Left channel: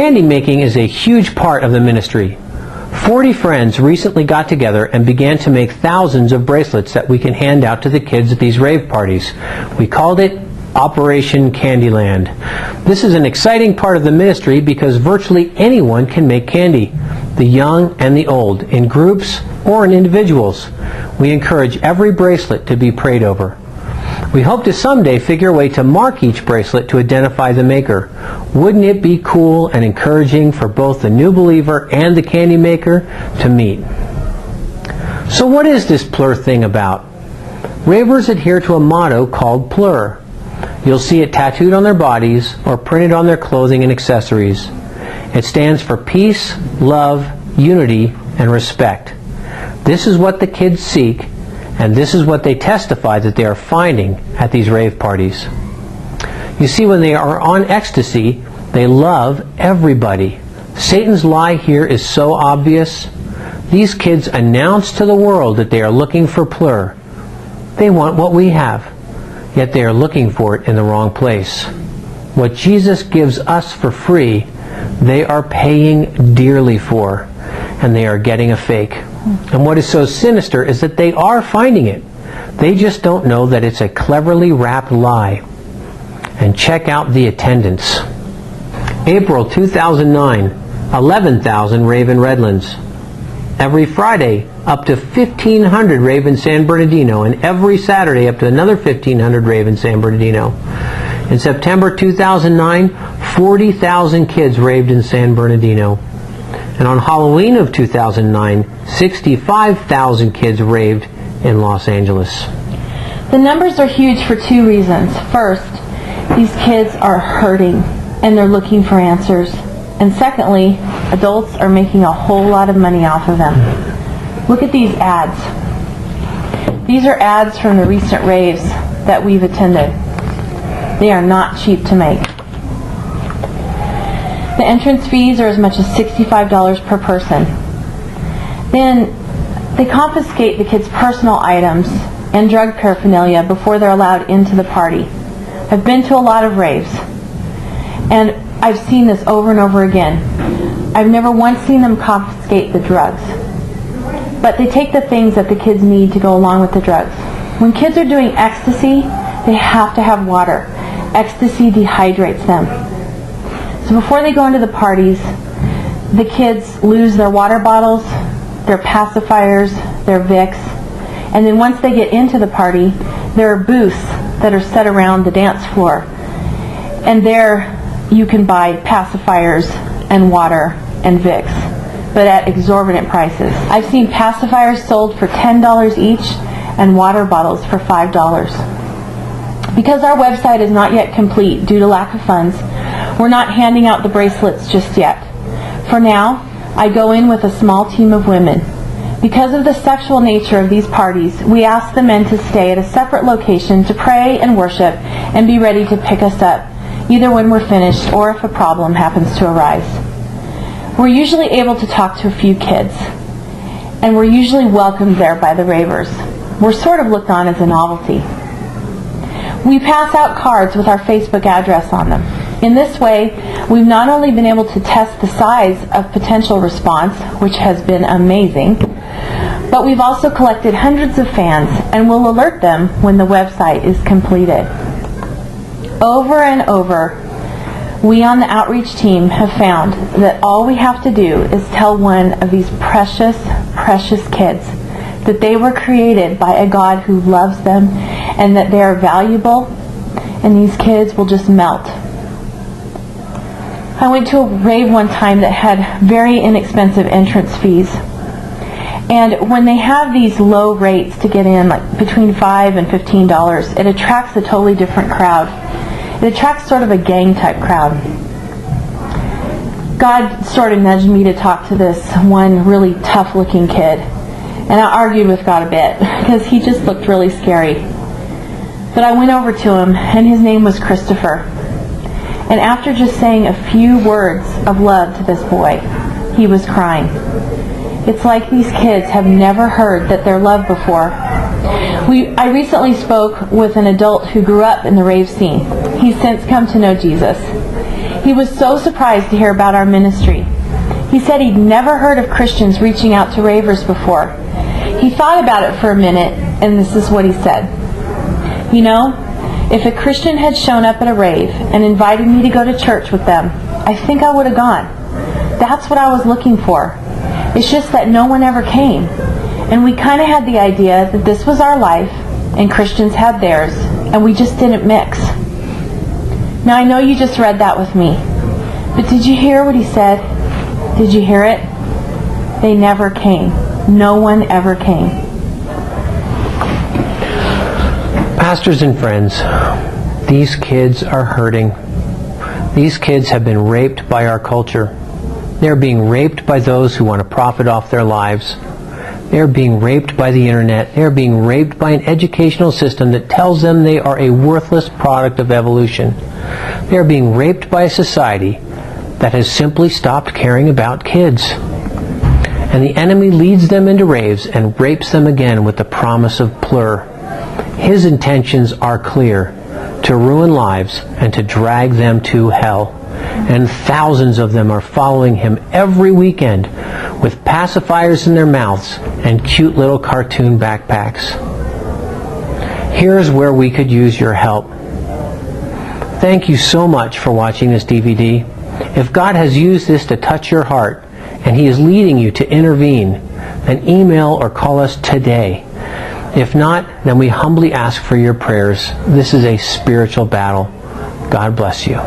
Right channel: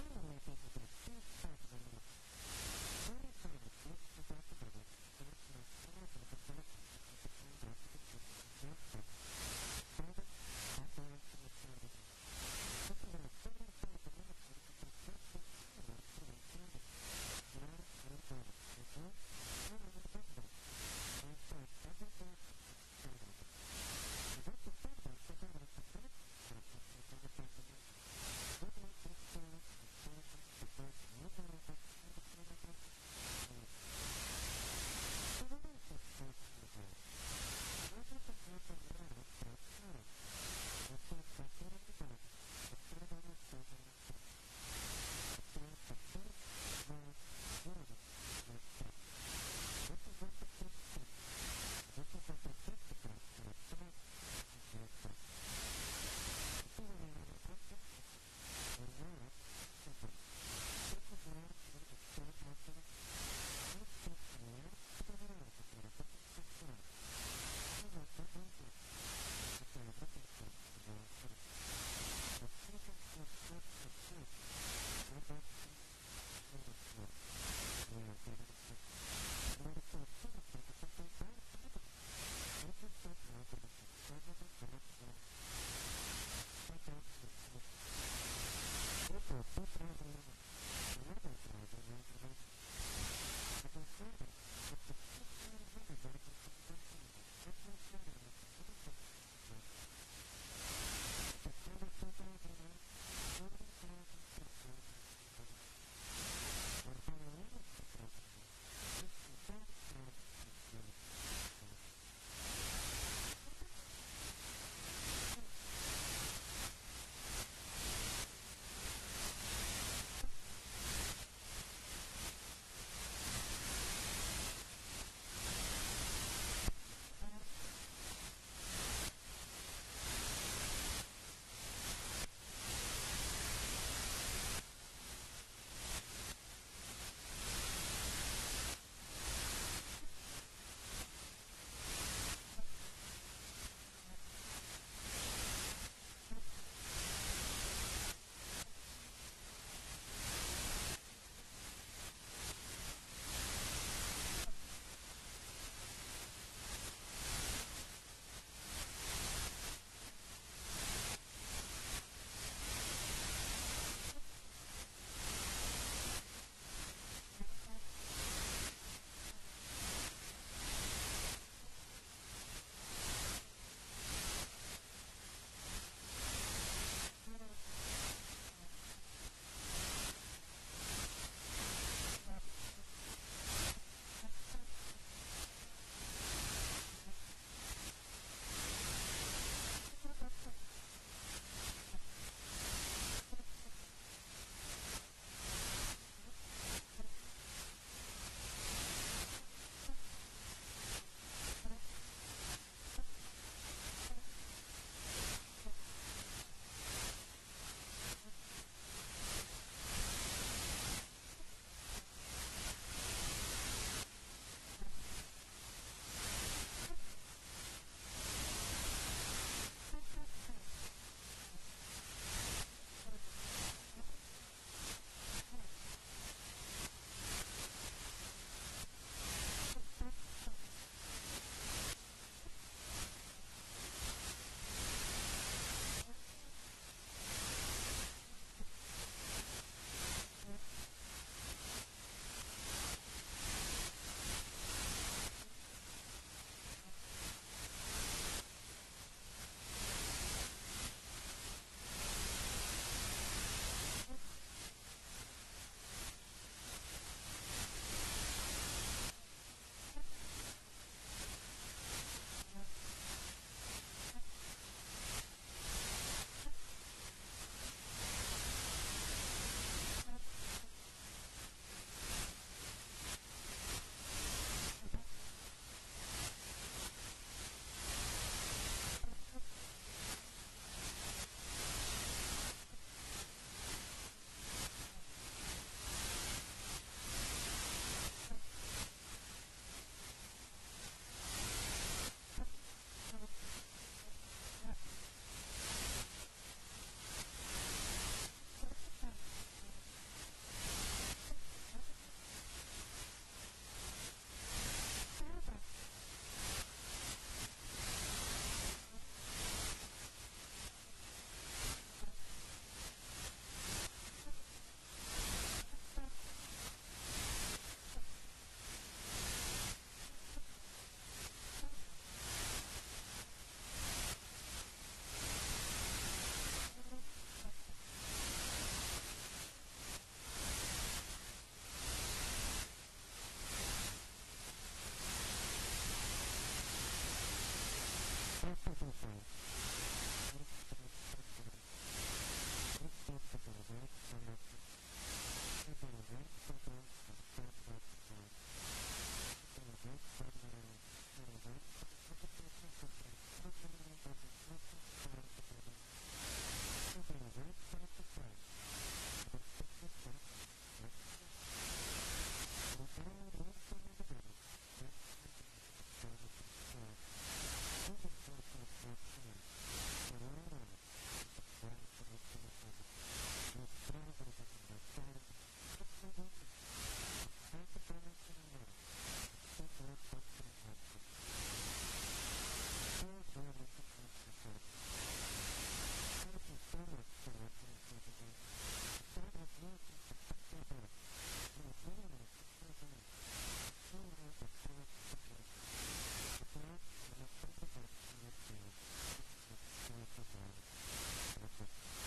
Candy making is a huge part of the ministry. 40 friends recently got together and began to make thousands of bracelets that we can hand out to the kids at these rave parties. We called it Operation Candyland. This is an exciting part of the ministry because virtually anyone can make candy, the young and the old, in groups or in individuals. We encourage every bracelet to be prayed over. We hope to someday figure a way to mark each bracelet to identify the maker. Wouldn't it be cool and encouraging for both the new believer and the candy maker to meet? So what is this Plur thing about? Ravers adhere to a motto called Plur. You'll see it tattooed on their bodies or printed on their clothing and accessories. It stands for peace, love, unity, and respect. This is what the kids seek, and this is what they testify that they are finding at these rave parties. You see, when they are on ecstasy, they love everybody. Satan's lie here is so obvious. These kids announce to the world that they are looking for Plur. They want what we have, yet they are looking for it in the wrong place. What Jesus gives us for free, they are paying dearly for, and they are getting a fake. And what is so sinister is that they are finding it. They just don't know that it's a cleverly wrapped lie. And check out the attendance. April 2009, 11,000 rave in Redlands. Every Friday, up to 1,500 rave in San Bernardino, and every Saturday up to another 1,500 rave in San Bernardino. In September 2009, 40,000 kids raved in San Bernardino. And on Halloween of 2009, 65,000 kids raved in Los Angeles. The numbers are huge for two reasons. First, these kids are hurting and they're looking for answers. And secondly, adults are making a whole lot of money off of them. Look at these ads. These are ads from the recent raves that we've attended. They are not cheap to make. The entrance fees are as much as $65 per person. Then they confiscate the kids' personal items and drug paraphernalia before they're allowed into the party. I've been to a lot of raves, and I've seen this over and over again. I've never once seen them confiscate the drugs. But they take the things that the kids need to go along with the drugs. When kids are doing ecstasy, they have to have water. Ecstasy dehydrates them. So before they go into the parties, the kids lose their water bottles, their pacifiers, their Vicks, and then once they get into the party, there are booths that are set around the dance floor. And there you can buy pacifiers and water and Vicks, but at exorbitant prices. I've seen pacifiers sold for $10 each and water bottles for $5. Because our website is not yet complete due to lack of funds, we're not handing out the bracelets just yet. For now, I go in with a small team of women. Because of the sexual nature of these parties, we ask the men to stay at a separate location to pray and worship and be ready to pick us up, either when we're finished or if a problem happens to arise. We're usually able to talk to a few kids, and we're usually welcomed there by the ravers. We're sort of looked on as a novelty. We pass out cards with our Facebook address on them. In this way, we've not only been able to test the size of potential response, which has been amazing, but we've also collected hundreds of fans and will alert them when the website is completed. Over and over, we on the outreach team have found that all we have to do is tell one of these precious, precious kids that they were created by a God who loves them and that they are valuable, and these kids will just melt. I went to a rave one time that had very inexpensive entrance fees. And when they have these low rates to get in, like between $5 and $15, it attracts a totally different crowd. It attracts sort of a gang type crowd. God sort of nudged me to talk to this one really tough looking kid. And I argued with God a bit because he just looked really scary. But I went over to him, and his name was Christopher. And after just saying a few words of love to this boy, he was crying. It's like these kids have never heard that they're loved before. I recently spoke with an adult who grew up in the rave scene. He's since come to know Jesus. He was so surprised to hear about our ministry. He said he'd never heard of Christians reaching out to ravers before. He thought about it for a minute, and this is what he said. You know, if a Christian had shown up at a rave and invited me to go to church with them, I think I would have gone. That's what I was looking for. It's just that no one ever came. And we kind of had the idea that this was our life, and Christians had theirs, and we just didn't mix. Now I know you just read that with me, but did you hear what he said? Did you hear it? They never came. No one ever came. Pastors and friends, these kids are hurting. These kids have been raped by our culture. They're being raped by those who want to profit off their lives. They're being raped by the internet. They're being raped by an educational system that tells them they are a worthless product of evolution. They're being raped by a society that has simply stopped caring about kids. And the enemy leads them into raves and rapes them again with the promise of plur. His intentions are clear: to ruin lives and to drag them to hell. And thousands of them are following him every weekend with pacifiers in their mouths and cute little cartoon backpacks. Here's where we could use your help. Thank you so much for watching this DVD. If God has used this to touch your heart and He is leading you to intervene, then email or call us today. If not, then we humbly ask for your prayers. This is a spiritual battle. God bless you.